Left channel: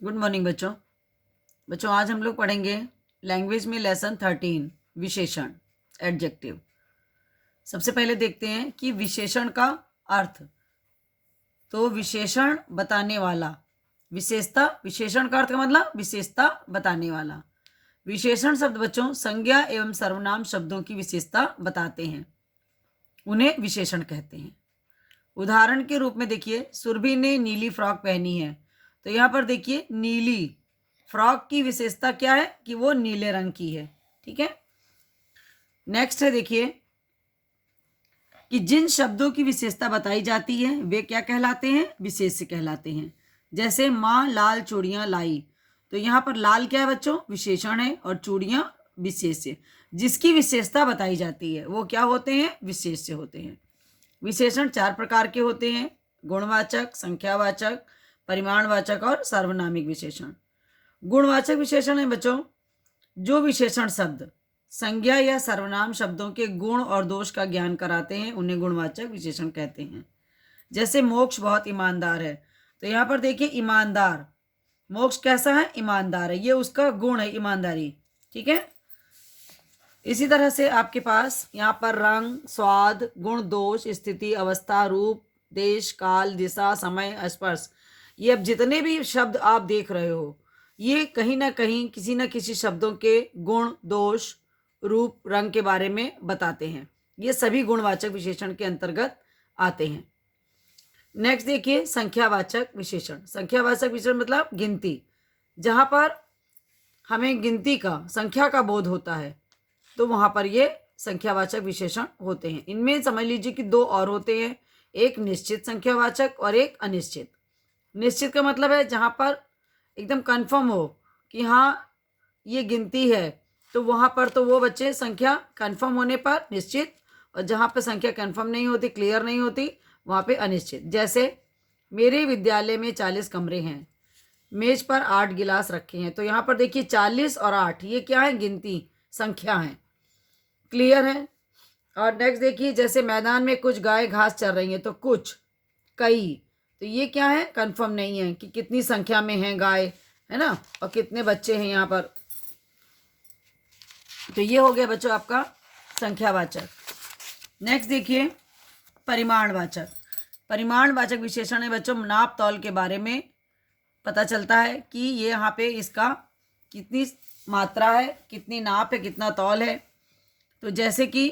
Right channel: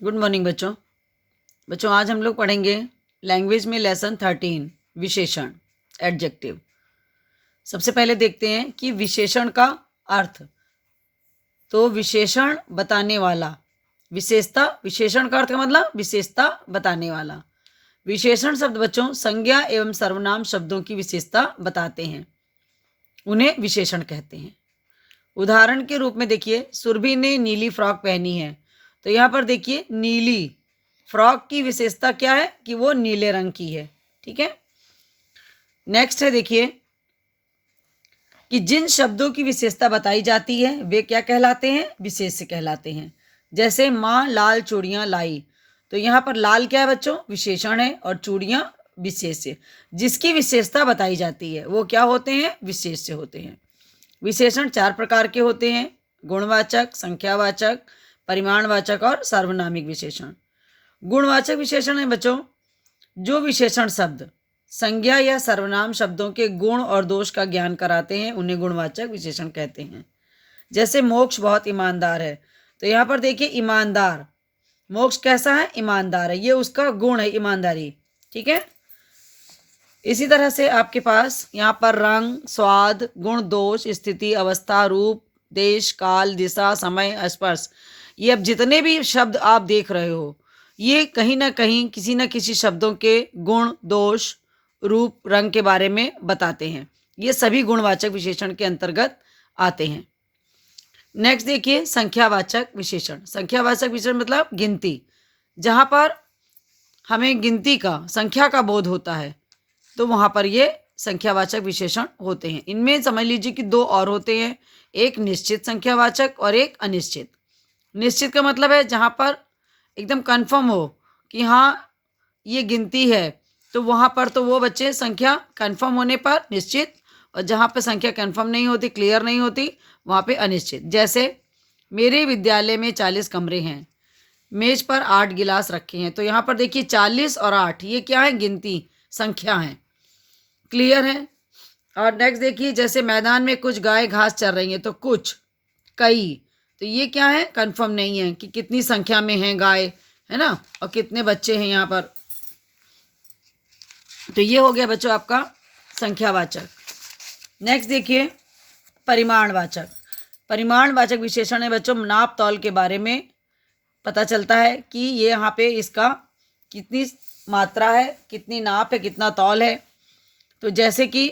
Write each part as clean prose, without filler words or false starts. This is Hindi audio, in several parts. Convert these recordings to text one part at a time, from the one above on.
गुड मॉर्निंग बच्चों। बच्चों आज हम लोग पढ़ेंगे लैंग्वेज में लेसन 13 विशेषण एडजेक्टिव। सबसे पहले देखते हैं कि विशेषण का अर्थ। तो विशेषण बताने वाला, विशेषता, विशेषण का अर्थ का मतलब विशेषता बताने वाला। विशेषण शब्द बच्चों संज्ञा एवं सर्वनाम शब्दों की विशेषता बताते हैं, उन्हें विशेषण कहते हैं। उदाहरण के रूप में देखिए, सुरभि ने नीली फ्रॉक पहनी है। तो यहाँ पर देखिए नीली फ्रॉक की विशेषता क्या है कि वो नीले रंग की है। ठीक है, नेक्स्ट है देखिए कि जिन शब्दों की विशेषता बताई जाती है वे क्या कहलाते हैं, विशेष्य कहलाते हैं। जैसे माँ लाल चूड़ियाँ लाई, तो यहाँ पर लाल क्या है बच्चों, विशेषण है, और चूड़ियाँ विशेष्य। जिसकी विशेषता बताई जाती है वो क्या होते हैं, विशेष्य होते हैं। विशेषण 4 प्रकार के होते हैं: गुणवाचक, संख्यावाचक, परिमाणवाचक और सार्वनामिक विशेषण। गुणवाचक विशेषण है बच्चों जो विशेषण शब्द संज्ञा या सर्वनाम शब्दों के गुण और दोष का ज्ञान कराते हैं, उन्हें गुणवाचक विशेषण कहते हैं। जैसे मोक्ष बहुत ईमानदार है, तो यहाँ पर देखिए ईमानदार, मोक्ष कैसा है, ईमानदार है, ये उसका गुण है, ईमानदारी। ठीक है, इसी तरह से आपके पास यहाँ पर रंग, स्वाद, गुण, दोष, स्थिति, अवस्था, रूप, देश, काल, दिशा, समय, स्पर्श, ये अब जितने भी शब्द आप देख रहे हो ये कहीं ना कहीं किसी न किसी शब्दों के गुण, दोष, रूप, रंग के बारे में बताते हैं। ये सभी गुणवाचक विशेषण के अंतर्गत आते हैं। नेक्स्ट देखिए संख्यावाचक विशेषण। संख्यावाचक विशेषण मतलब गिनती, जहाँ पर हमें गिनती का, संख्या का बोध होता है, तो वहाँ पर ये संख्यावाचक विशेषण होते हैं। इनमें समझ लीजिए कि 2 और होते हैं, एक निश्चित संख्यावाचक और एक अनिश्चित। निश्चित का मतलब है जहाँ पर एकदम कन्फर्म हो कि हाँ ये गिनती है, तो वहाँ पर तो वो बच्चे संख्या कन्फर्म होने पर निश्चित, और जहाँ पर संख्या कन्फर्म नहीं होती, क्लियर नहीं होती, वहाँ पे अनिश्चित। जैसे मेरे विद्यालय में 40 कमरे हैं, मेज पर 8 गिलास रखे हैं, तो यहाँ पर देखिए 40 और 8 ये क्या है, गिनती, संख्या है, क्लियर है। और नेक्स्ट देखिए जैसे मैदान में कुछ गाय घास चर रही हैं, तो कुछ, कई, तो ये क्या है, कंफर्म नहीं है कि कितनी संख्या में है गाय, है ना, और कितने बच्चे हैं यहाँ पर। तो ये हो गया बच्चों आपका संख्यावाचक। नेक्स्ट देखिए परिमाणवाचक। परिमाणवाचक विशेषण है बच्चों नाप तौल के बारे में पता चलता है कि ये यहाँ पे इसका कितनी मात्रा है, कितनी नाप है, कितना तौल है। तो जैसे कि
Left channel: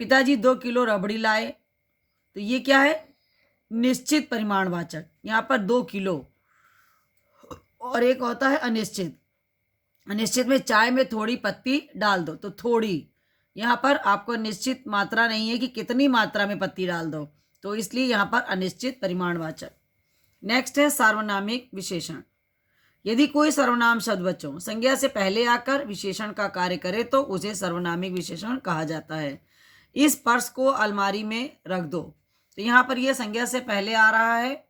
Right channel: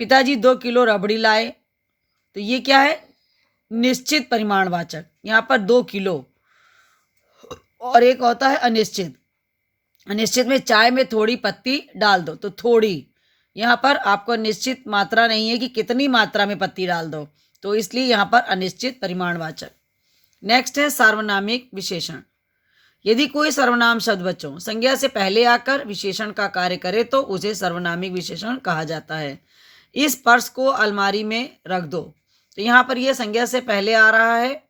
पिताजी 2 किलो रबड़ी लाए, तो ये क्या है, निश्चित परिमाणवाचक, यहाँ पर 2 किलो। और एक होता है अनिश्चित। अनिश्चित में चाय में थोड़ी पत्ती डाल दो, तो थोड़ी, यहाँ पर आपको निश्चित मात्रा नहीं है कि कितनी मात्रा में पत्ती डाल दो, तो इसलिए यहाँ पर अनिश्चित परिमाणवाचक। नेक्स्ट है सार्वनामिक विशेषण। यदि कोई सर्वनाम शब्द बच्चों संज्ञा से पहले आकर विशेषण का कार्य करे तो उसे सर्वनामिक विशेषण कहा जाता है। इस पर्स को अलमारी में रख दो, तो यहाँ पर यह संज्ञा से पहले आ रहा है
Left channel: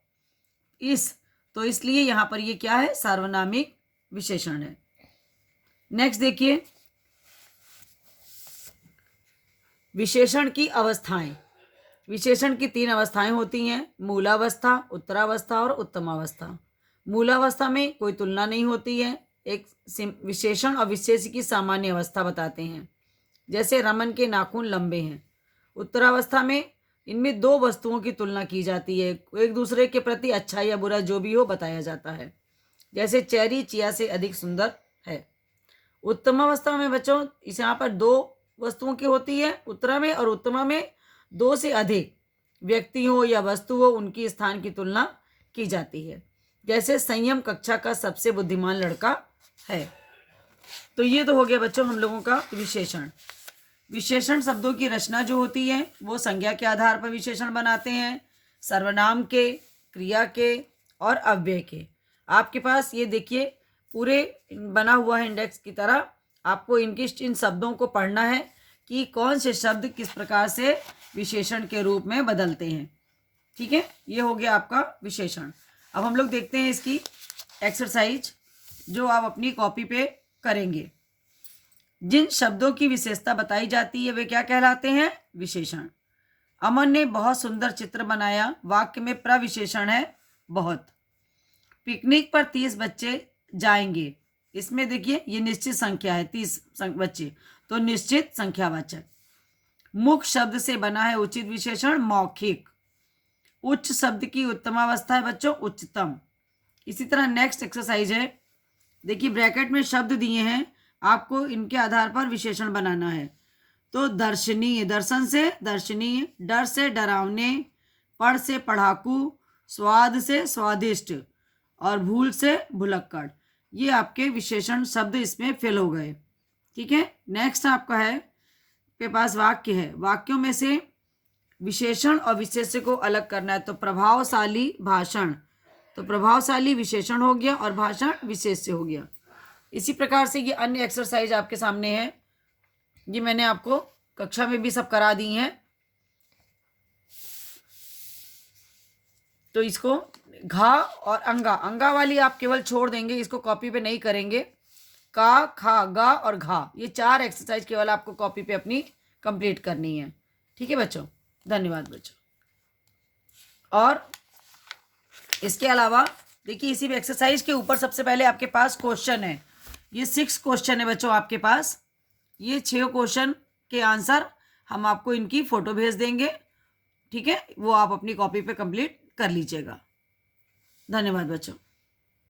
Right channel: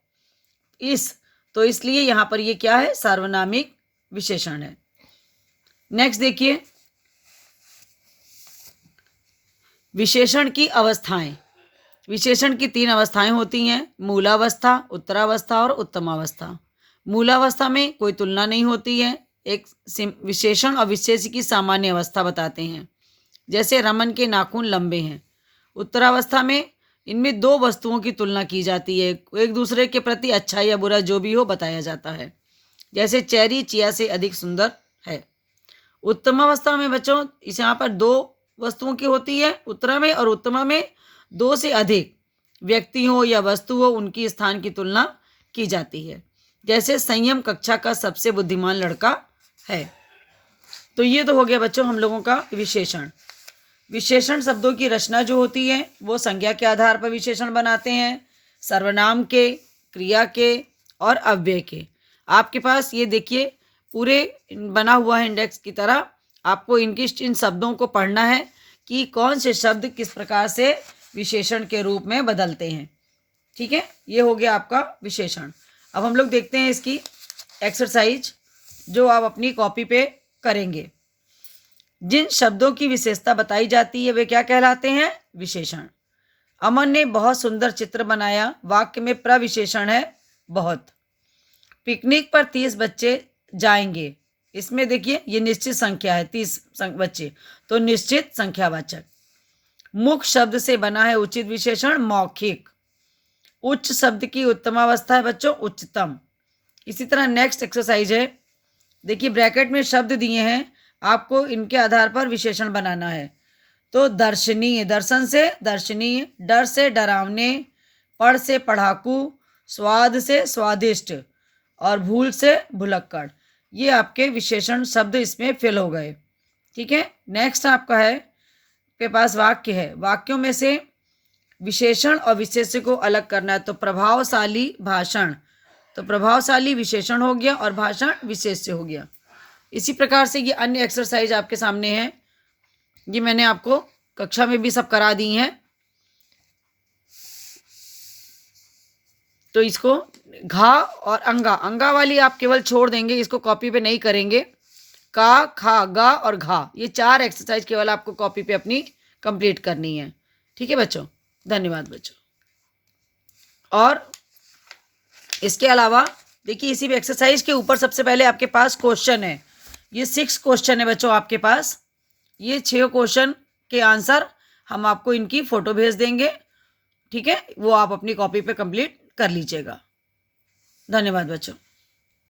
इस, तो इसलिए यहाँ पर यह क्या है, सार्वनामिक विशेषण है। नेक्स्ट देखिए विशेषण की अवस्थाएं। विशेषण की 3 अवस्थाएं होती हैं: मूलावस्था, उत्तरावस्था और उत्तमावस्था। मूलावस्था में कोई तुलना नहीं होती है, एक विशेषण और विशेष्य की सामान्य अवस्था बताते हैं। जैसे रमन के नाखून लंबे हैं। उत्तरावस्था में इनमें 2 वस्तुओं की तुलना की जाती है, एक दूसरे के प्रति अच्छा या बुरा जो भी हो बताया जाता है। जैसे चेरी चिया से अधिक सुंदर है। उत्तमावस्था में बच्चों इस यहाँ पर 2 वस्तुओं की होती है उत्तरा में, और उत्तमा में 2 से अधिक व्यक्ति हो या वस्तु हो उनकी स्थान की तुलना की जाती है। जैसे संयम कक्षा का सबसे बुद्धिमान लड़का है। तो ये तो हो गया बच्चों हम लोगों का विशेषण। विशेषण शब्दों की रचना जो होती है वो संज्ञा के आधार पर विशेषण बनाते हैं, सर्वनाम के, क्रिया के और अव्यय के। आपके पास ये देखिए पूरे बना हुआ है इंडेक्स की तरह, आपको इन शब्दों को पढ़ना है कि कौन से शब्द किस प्रकार से विशेषण के रूप में बदलते हैं। ठीक है, ये हो गया आपका विशेषण। अब हम लोग देखते हैं इसकी एक्सरसाइज जो आप अपनी कॉपी पे करेंगे। जिन शब्दों की विशेषता बताई जाती है वे क्या कहलाते हैं, विशेषण। अमन ने बहुत सुंदर चित्र बनाया, वाक्य में प्रविशेषण है बहुत। पिकनिक पर 30 बच्चे जाएंगे। इसमें देखिए ये निश्चित संख्या है, 30 बच्चे, तो निश्चित संख्यावाचक। मुख्य शब्द से बना है उचित विशेषण मौखिक। उच्च शब्द की उत्तमावस्था है बच्चों उच्चतम। इसी तरह नेक्स्ट एक्सरसाइज है, देखिए ब्रैकेट में शब्द दिए हैं, आपको इनके आधार पर विशेषण बनाना है। तो दर्शनीय, दर्शन से दर्शनीय, डर से डरावने, पढ़ से पढ़ाकू, स्वाद से स्वादिष्ट और भूल से भुलक्कड़। ये आपके विशेषण शब्द इसमें फिल हो गए। ठीक है, नेक्स्ट आपका है के पास वाक्य है, वाक्यों में से विशेषण और विशेष्य को अलग करना है। तो प्रभावशाली भाषण, तो प्रभावशाली विशेषण हो गया और भाषण विशेष्य हो गया। इसी प्रकार से ये अन्य एक्सरसाइज आपके सामने है, ये मैंने आपको कक्षा में भी सब करा दी हैं। तो इसको घा और अंगा, अंगा वाली आप केवल छोड़ देंगे, इसको कॉपी पे नहीं करेंगे। का, खा, गा और घा, ये 4 एक्सरसाइज केवल आपको कॉपी पे अपनी कंप्लीट करनी है। ठीक है बच्चों, धन्यवाद बच्चों। और इसके अलावा देखिए इसी एक्सरसाइज के ऊपर सबसे पहले आपके पास क्वेश्चन है, ये 6 क्वेश्चन है बच्चों आपके पास। ये 6 क्वेश्चन के आंसर हम आपको इनकी फ़ोटो भेज देंगे। ठीक है, वो आप अपनी कॉपी पे कंप्लीट कर लीजिएगा। धन्यवाद बच्चों।